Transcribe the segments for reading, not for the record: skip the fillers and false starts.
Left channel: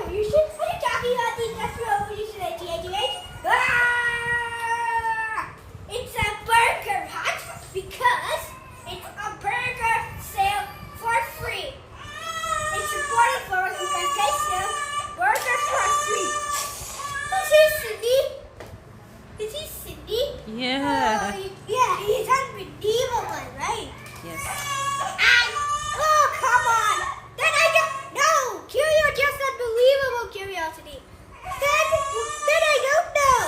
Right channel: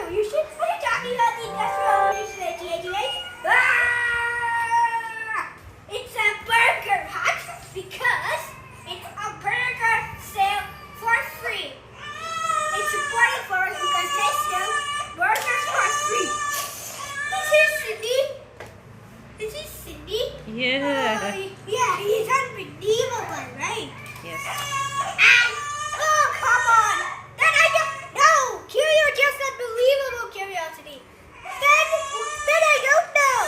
revolution? Are you talking about the industrial revolution 1888? It's a burger hut because it's a burger sale for free. It's important for us because they sell burgers for free. Is he Cindy? Yeah. Yeah, he's unbelievable, right? Yes. And, oh, come on. Then I don't know. Curio just unbelievable curiosity. Then I don't know.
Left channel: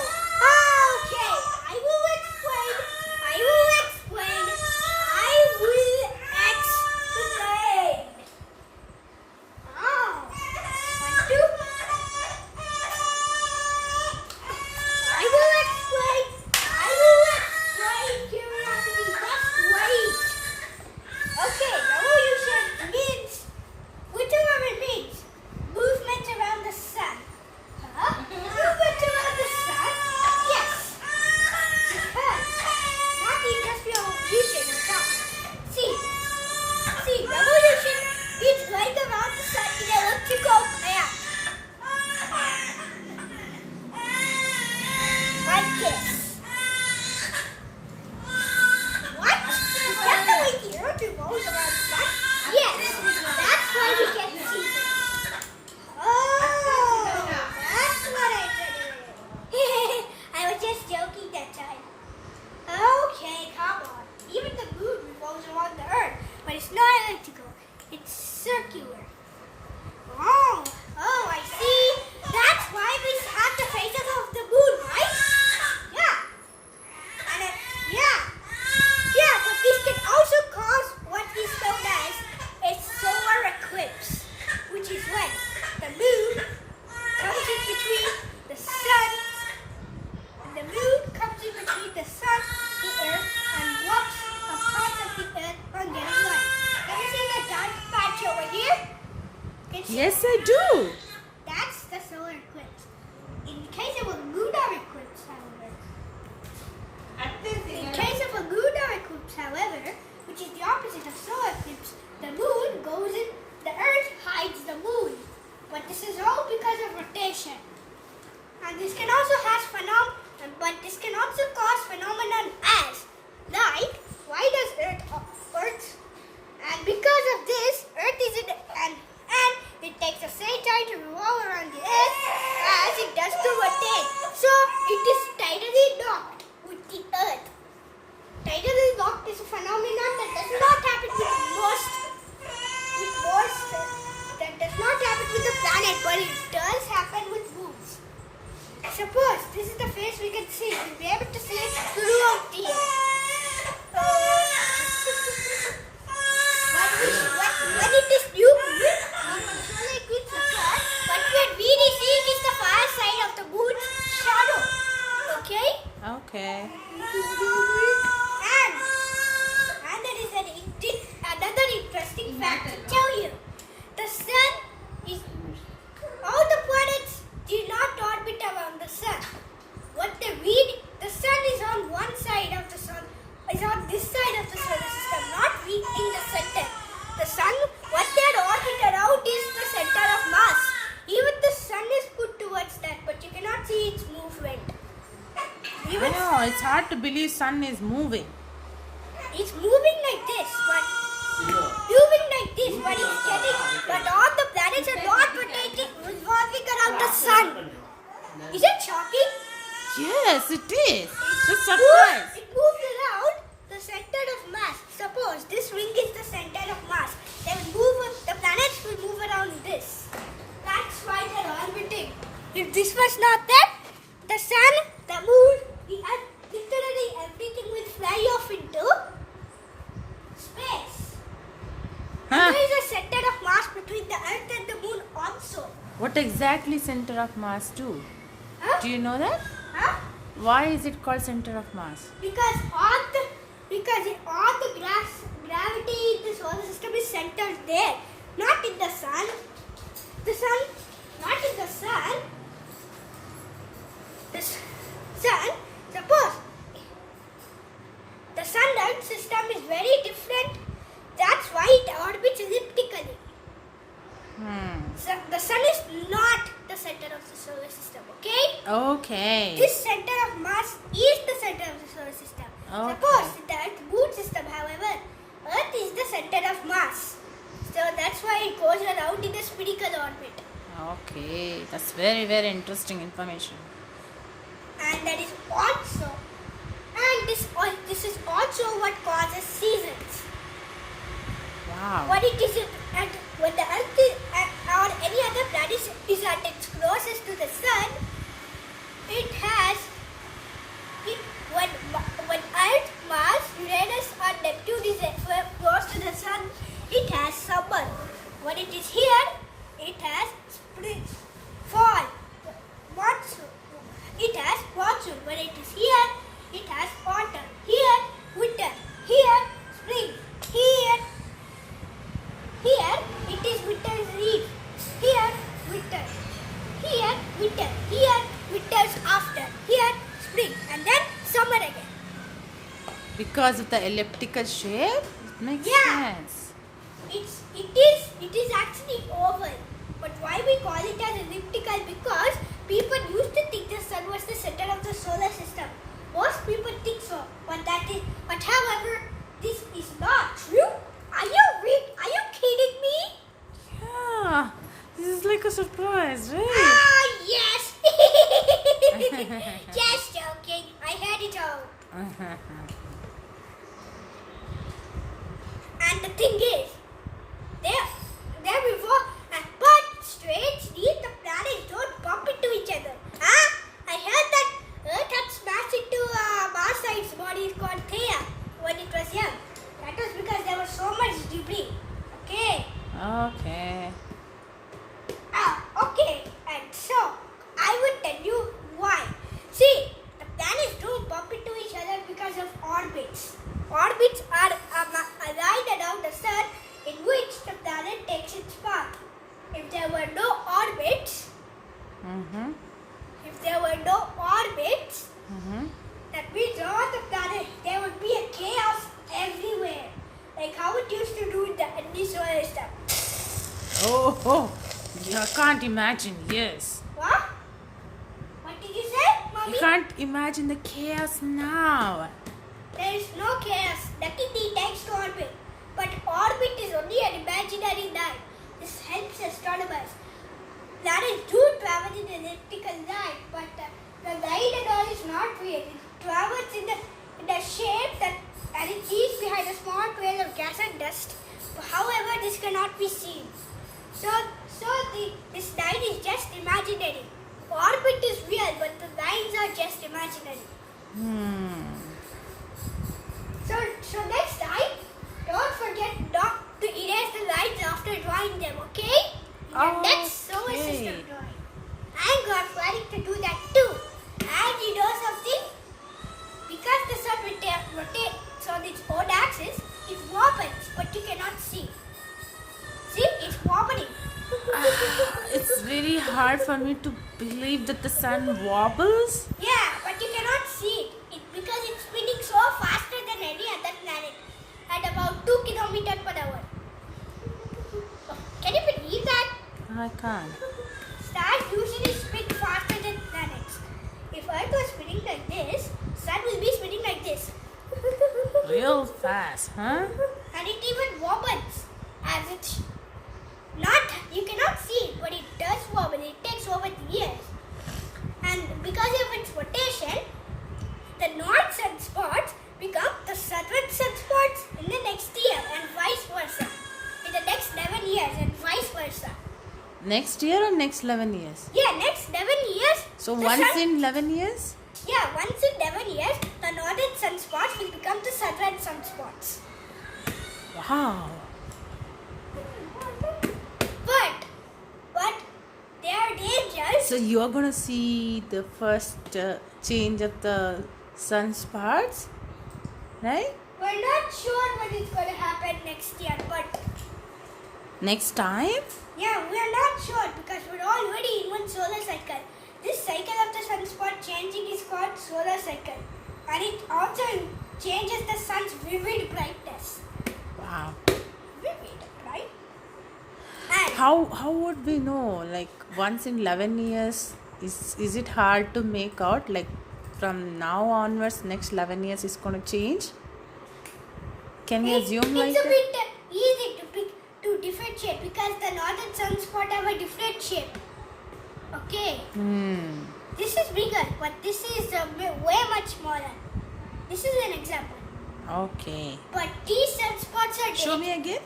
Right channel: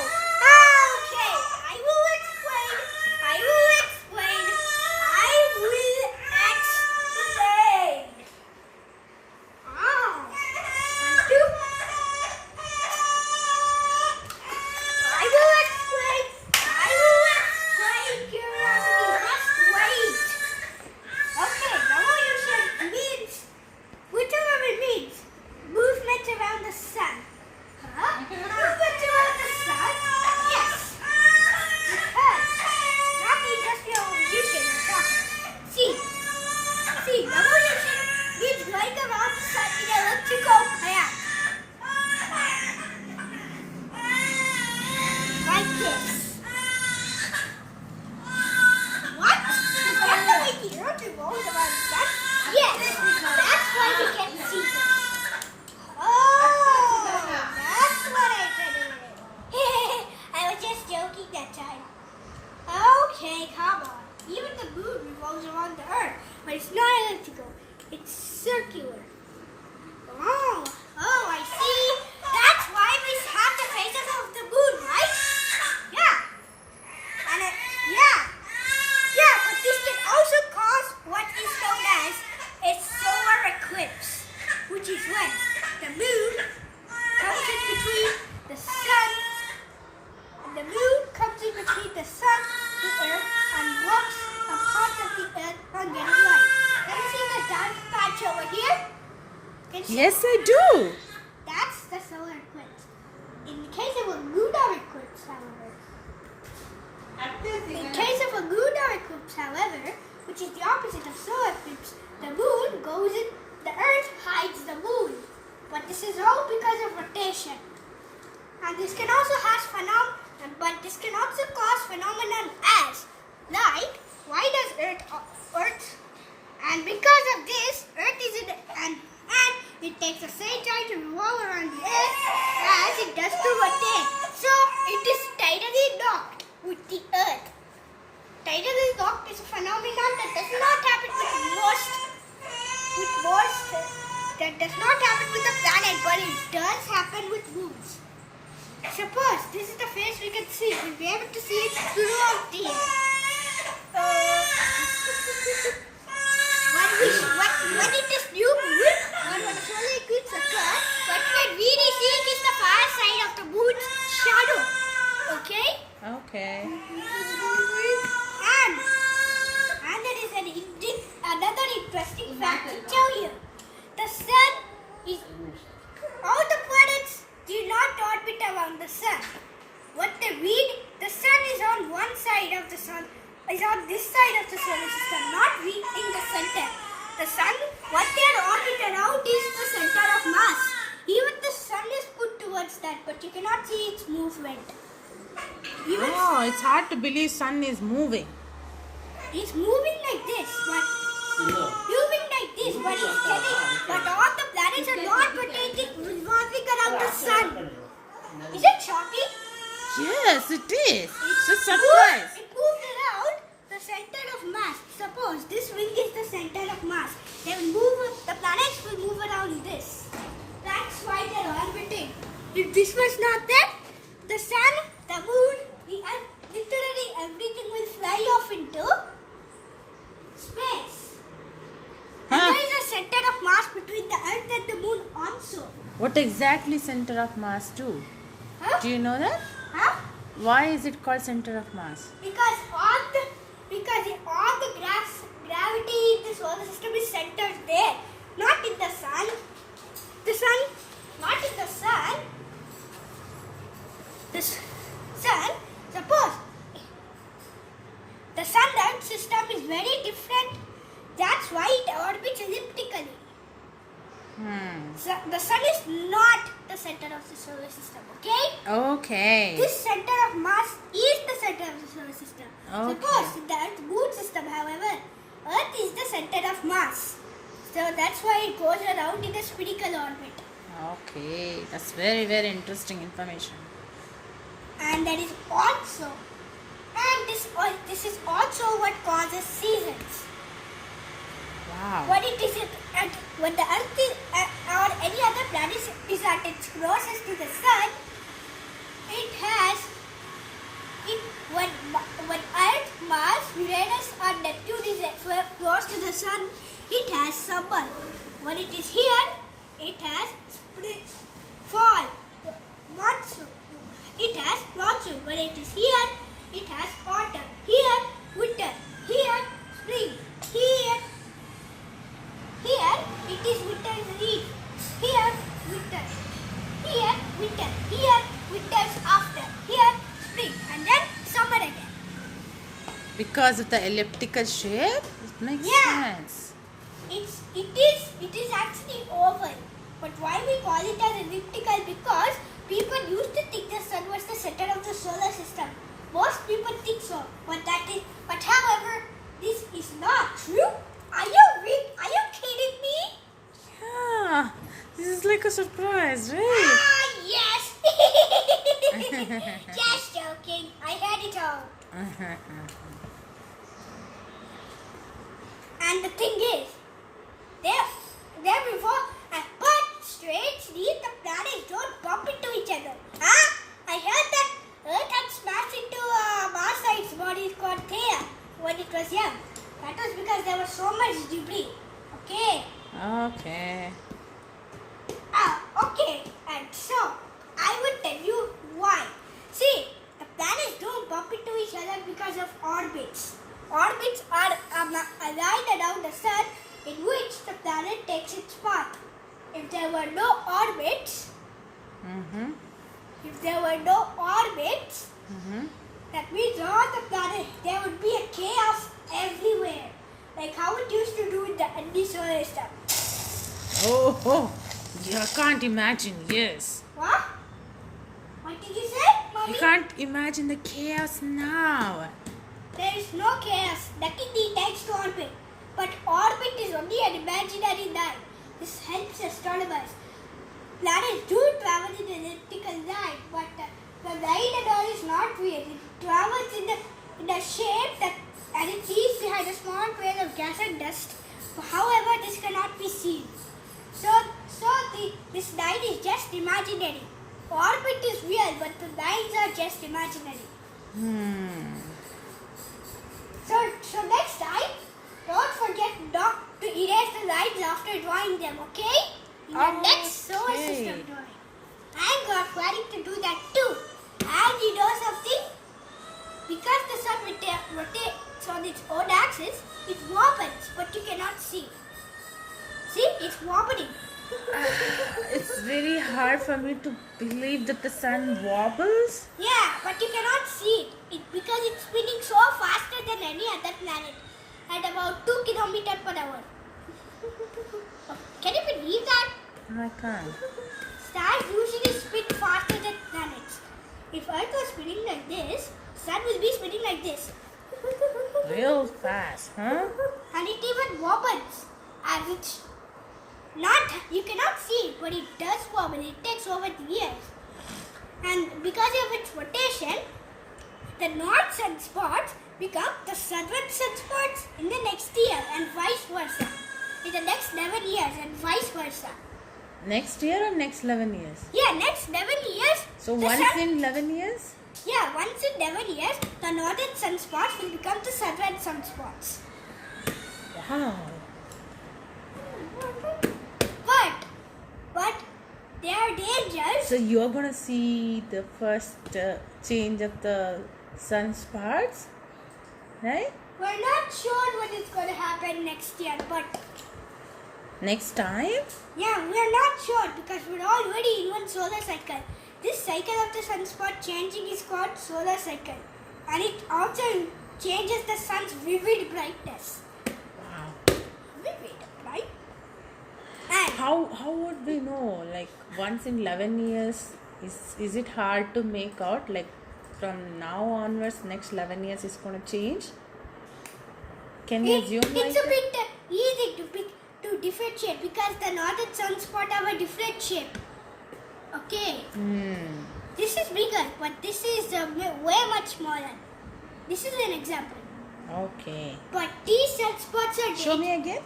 Okay, I will explain. Oh, one, two. I will explain curiosity. Just wait. Okay, revolution means, whichever it means, movement around the sun. Huh? Movement around the sun? Yes. Because, not the industrial revolution or something. See, revolution means going around the sun in electrical path. Like this. What? Is that the way the earth revolves around the sun? Yes, that's why we get seasons. Oh, that's what I said it is. I was just joking that time. Okay, come on. Even the moon revolves around the earth, but it's not elliptical. It's circular. Oh, I see. That's why we have the phases of the moon, right? Yeah. Yeah, but this can also cause what is known as a solar eclipse, which is when the moon comes in between the sun, the earth, and blocks a part of the earth from getting light. Can you see the dark patch over here? Can you see Yes, I do. That's the solar eclipse. In case of a lunar eclipse, however, which is the opposite of solar eclipse, the moon goes in, the earth hides the moon. But this is all because of rotation. And this can also cause phenomenon as, like, why does Earth, and because of this, Earth is in, and it takes the same time to revolve around the Earth as it does to rotate. So it is tidally locked with the Earth. Tidally locked is a phenomenon that does not happen with the planet, but it does happen with moons. Suppose this is the face we can see. We'll be able to see it throughout the air. When it is new moon, or when the solar eclipse occurs, what we're really seeing is the far side of the moon's shadow. Okay? Okay. And there is another interesting fact to tell you. The sun is, all the planets do not orbit around the sun. What they read, the sun is on one side of the sun, is on this side of the solar system, not reaching the center. The sun, what they orbit around is the center of mass. Even the sun is put towards that, but you cannot see its movement. It's hard to believe sun is moving. It's moving like this, but all the planets are not rotating, revolving around the sun. Is it shocking? Yes, it is. It's a It surprise. moves around the center of mass. Suppose this ring is the center of mass. The planets will move around this. That's why they're orbiting. If this was not there, the sun, the moon, the earth, literally everything will fly off into space. Huh? There is a center of mass between the earth and the moon also. What exactly center of mass do? Huh? Do you know that? Huh? Why is it called center of mass? Because all the gravity in the solar system is centered there, not in the sun. Not in the sun. The sun, suppose the sun-earth system is very different. That's why it orbits elliptically. So the sun is not the center of the solar system, okay? Okay. This center of mass is the center of the solar system. Okay. Suppose in the Earth moon system, however, Earth is the center of mass. So that's why it goes around in a spherical orbit. Okay. That's very, very interesting information. And that is also, and this is also what causes seasons. Wow. What it is, and when the Earth is, or any other planet is at its closest to the Sun, it has, when Earth, Mars, Uranus or Neptune is close to the Sun, it has summer. When it is here, it has spring, fall, monsoon. It has monsoon. When it is here, it has autumn. Here, winter. Here, spring. Here it is winter's eve. Here, winter. Here, winter. Here, winter's after. Here, spring. And then summer again. Because of the elliptical shape, it makes Yeah. sense. It is actually oval. But why we call it as elliptical? Because people used to think the sun was the center of the solar system. Most people think so. But however, this is not true. Are you kidding me? Yeah. This is like a surprise, right? Ah, yes. Just joking. I had it out. And the thing is, there before, but strangely, the planets don't bump into each other. Huh? I heard that Earth had smashed into Mars-sized body called Theia when it was young. That was because there was so much debris. Okay. Okay. Okay. And so, I will tell you why. See, the planets don't bump into each other because of orbits. Orbits are aligned around the sun in which the planet takes its path. If there were no orbits, that means all the planets, there would be a chaos everywhere. Like how it used to do in the solar system. Oh, I can't imagine, yes. What? What did you say, Mommy? You can't imagine the chaos now. There is no chaos. Nothing takes to orbit. But orbit is only an imaginary line. This helps astronomers. Planets do travel in an elliptical line, but the line and all is not real. It travels in the shape that, and it leaves behind a small trail of gas and dust. However, this cannot be seen. So this line is just imaginary. Orbit is real, but the lines are just imaginary. So next time, don't forget not to erase the lines after drawing them, okay? In the next solar system drawing. I'm planning to do that too. And you know something? Because the sun rotates on its own axis, it wobbles, but you cannot see. See, it's wobbling. It's really hard for me to believe that the sun wobbles. Yeah, but you cannot see it because it's spinning so faster than any other planet at about 2 kilometers per hour. Can you believe that? I can't. Stars usually spin faster than planets. If Earth was spinning like this, Sun will be spinning like this. Real fast, huh? And it even wobbles. As it's not, you cannot see it, but it does wobble. It takes over the years. And because of its rotation, the north sunspots become the southern sunspots in the next year and vice versa. In the next 11 years and vice versa. Next year or next 11 years? Yeah, next 11 years. So the once in 11 years? Yeah, once in 11 years, the northern sunspots will become the southern sunspots. Wow. But there are dangers. So you are going to see the first change of the sunspots, right? We're not sure when it's going to happen next year, but Next time? yeah, we're not sure because we're already in one solar cycle. This cycle of the sunspot changing is called solar cycle, and it also changes the sun's vivid brightness. Wow. Vivid, right? And how would we know? Like once in 11 years, is it hard to make out? Like from now onwards, next 11 years is going to change? Can we assume like It's a that? bit easy to differentiate because the northern sunspot have a different shape. Okay. This is bigger, but this is way much smaller. This is an example. Okay. But these sunspots are Show dangerous. me again.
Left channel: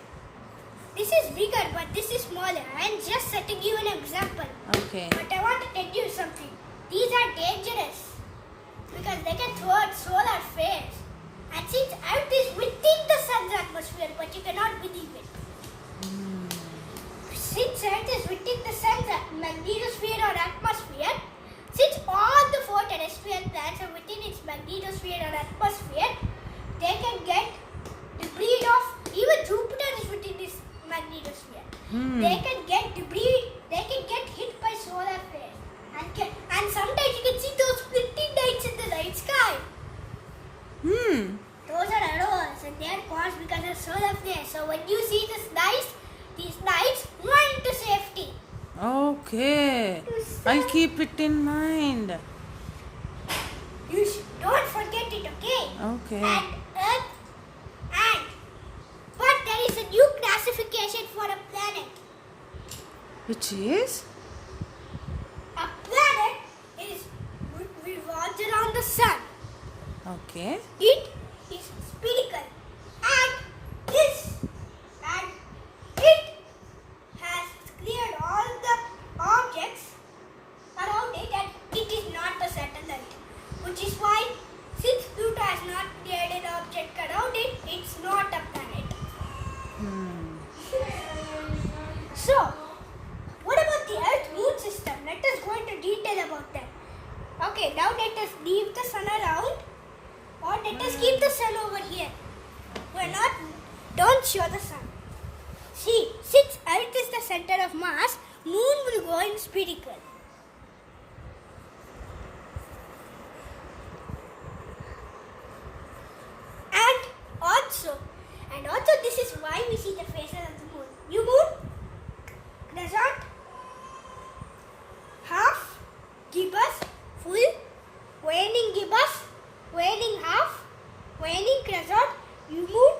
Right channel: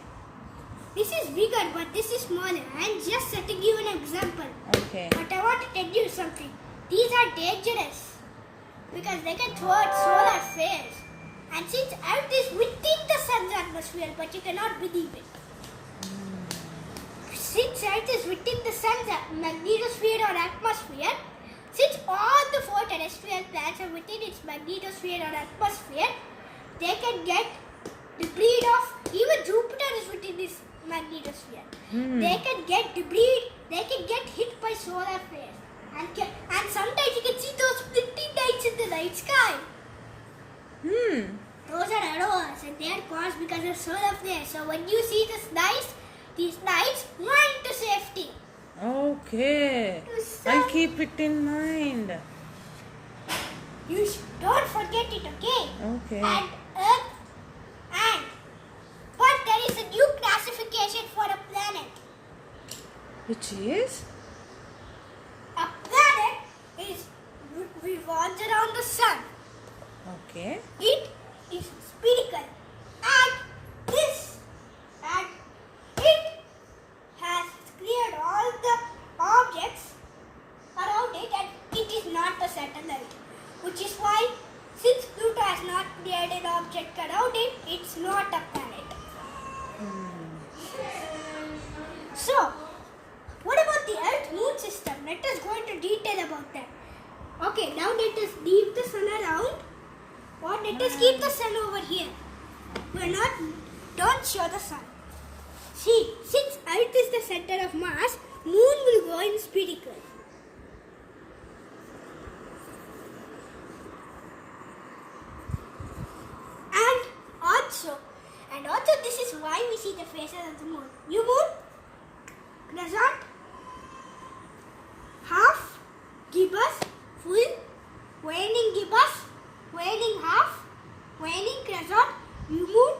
This is bigger, but this is smaller. I'm just setting you an example. Okay. But I want to tell you something. These are dangerous because they can throw out solar flares. And since Earth is within the sun's atmosphere, but you cannot believe it. Since Earth is within the sun's magnetosphere or atmosphere, since all the four terrestrial planets are within its magnetosphere or atmosphere, they can get debris of, even Jupiter is within this magnetosphere. They can get debris, they can get hit by solar flares. And sometimes you can see those splitting lights in the night sky. Those are arrows and they are caused because of solar flares. So when you see these lights, run to safety. Okay. To I'll sun. keep it in mind. Don't forget it, okay? Okay. And Earth, but there is a new classification for a planet. Which is? A planet revolves around the sun. Okay. It is spherical, and it has cleared all the objects around it, and it is not a satellite. Which is why, since Pluto has not cleared an object around it, it's not a planet. So, what about the Earth-Moon system? Let us go into detail about that. Okay, now let us leave the sun around, or let us keep the sun over here. Don't show the sun. See, since Earth is the center of mass, Moon will go in spherical. And also this is why we see the faces of the moon. New moon, crescent, half, gibbous, full, waning gibbous, waning half, waning crescent, new moon.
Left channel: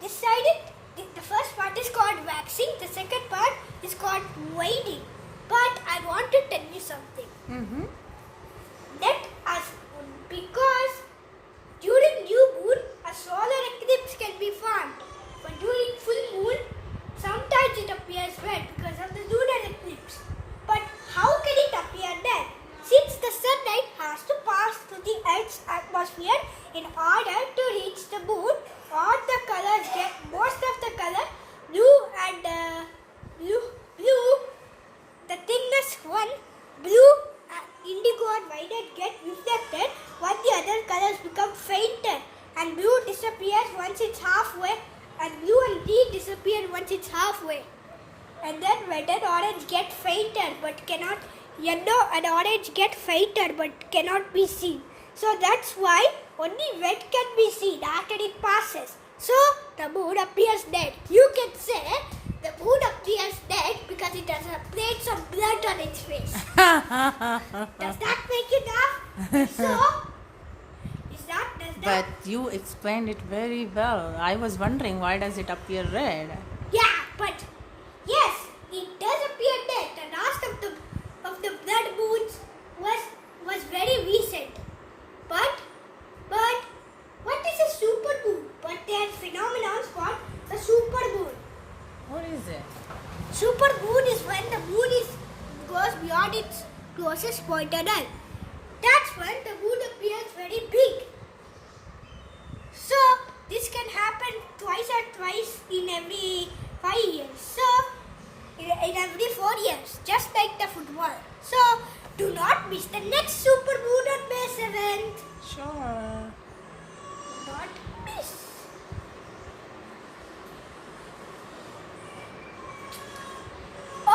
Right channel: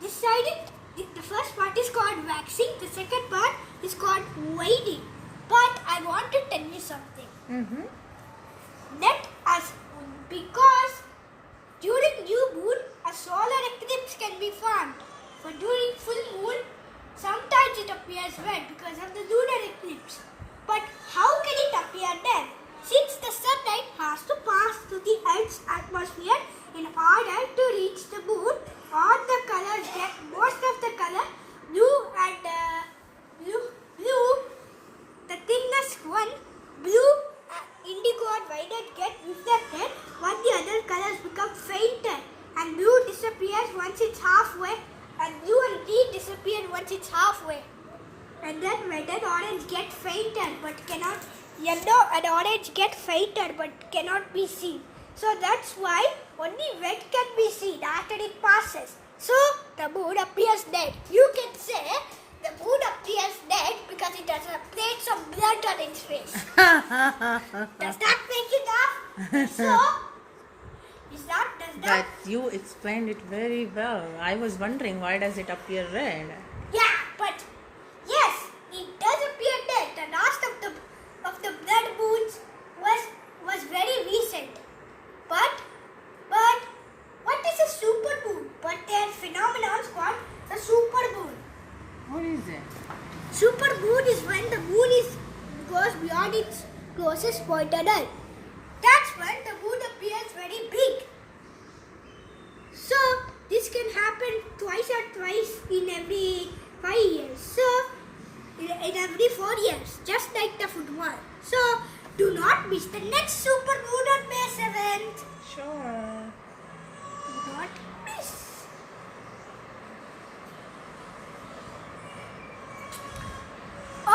This side, the first part is called waxing, the second part is called waning. But I want to tell you something. Let us, because during new moon, a solar eclipse can be formed. But during full moon, sometimes it appears red because of the lunar eclipse. But how can it appear then? Since the sunlight has to pass through the Earth's atmosphere in order to reach the moon, all the colors get, most of the color, blue and blue, the thinnest one, blue, indigo and violet get reflected, while the other colors become fainter, and blue disappears once it's halfway, and blue and green disappear once it's halfway. And then red and orange get fainter but cannot, yellow and orange get fainter but cannot be seen. So that's why only red can be seen after it passes. So the moon appears dead. You can say the moon appears dead because it has a plates of blood on its face. Does that make you laugh? So, does But you explained it very well. I was wondering, why does it appear red? Yeah, but yes, it does appear dead. The last of the blood moons was very recent. But what is a supermoon? But their phenomenon is called the supermoon. What is it? Supermoon is when the moon goes beyond its closest point on Earth. That's when the moon appears very big. So this can happen twice in every 5 years. So in every 4 years, just like the football. So do not miss the next supermoon on May 7th. Sure. Do not miss.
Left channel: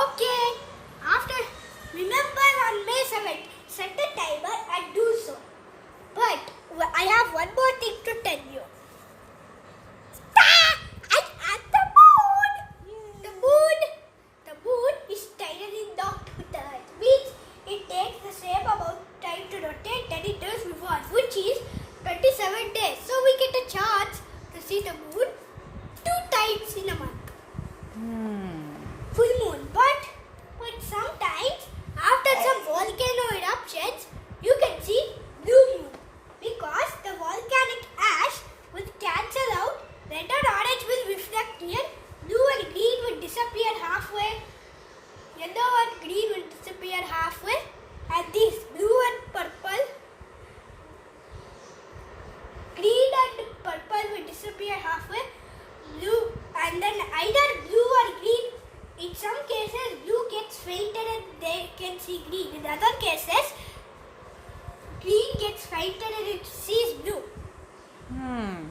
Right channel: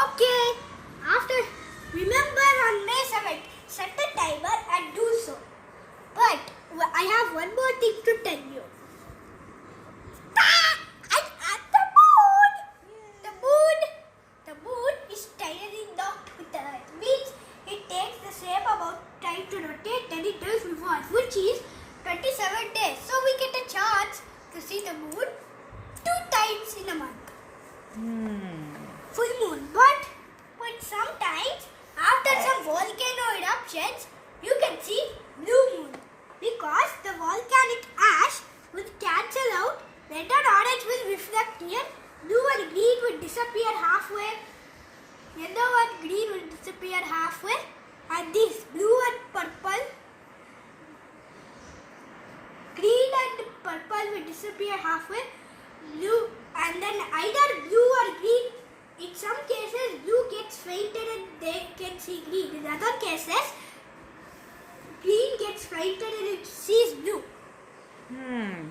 Okay. Remember on May 7th, set a timer and do so. But I have one more thing to tell you. I'm at the moon. The moon oceans, you can see blue moon because the volcanic ash will cancel out. Red and orange will reflect here. Blue and green will disappear halfway. Yellow and green will disappear halfway. And this blue and purple, green and purple will disappear halfway. Blue and then either blue or green. In some cases, blue gets fainted and they can see green. In other cases, green gets fainted and it sees blue.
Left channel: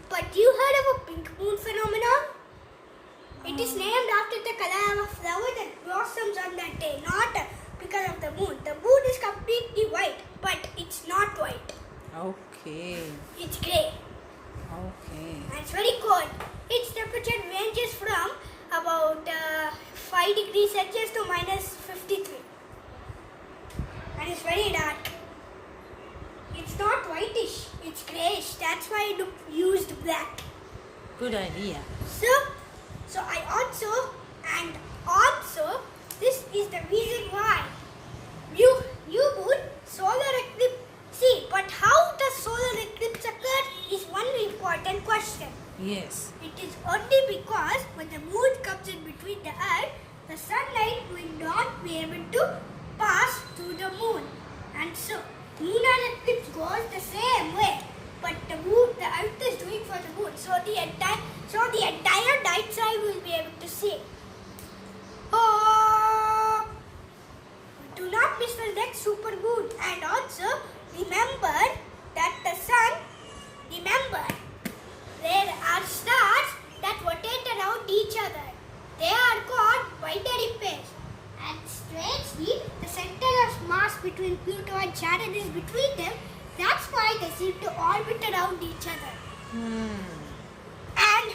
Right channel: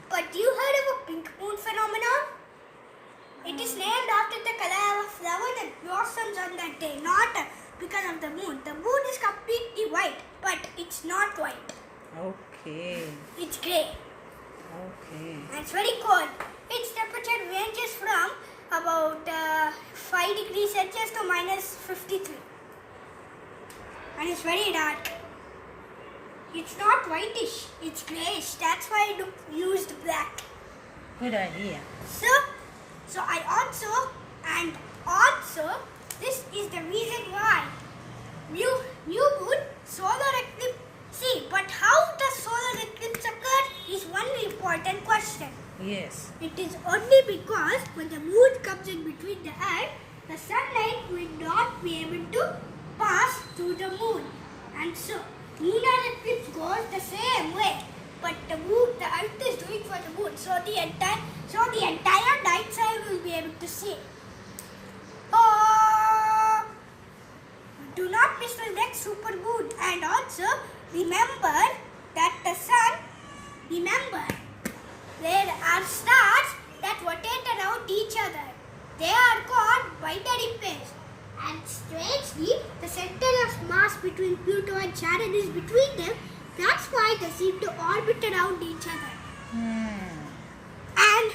But you heard of a pink moon phenomenon? It is named after the color of a flower that blossoms on that day, not because of the moon. The moon is completely white, but it's not white. Okay. It's grey. Okay. And it's very cold. Its temperature ranges from about 5 degrees Celsius to minus 53. And it's very dark. It's not whitish, it's greyish. That's why I used black. Good idea. So I also, this is the reason why new moon, solar eclipse. See, but how the solar eclipse occurred is one important question. Yes. It is only because when the moon comes in between the earth, the sunlight will not be able to pass through the moon. And so, lunar eclipse goes the same way. But the earth is doing for the moon. So the entire night side will be able to see. Oh, do not miss the next super moon. And also, remember that the sun, there are stars that rotate around each other. They are called binary pairs. And strangely, the center of mass between Pluto and Saturn is between them. That's why they seem to orbit around each other. And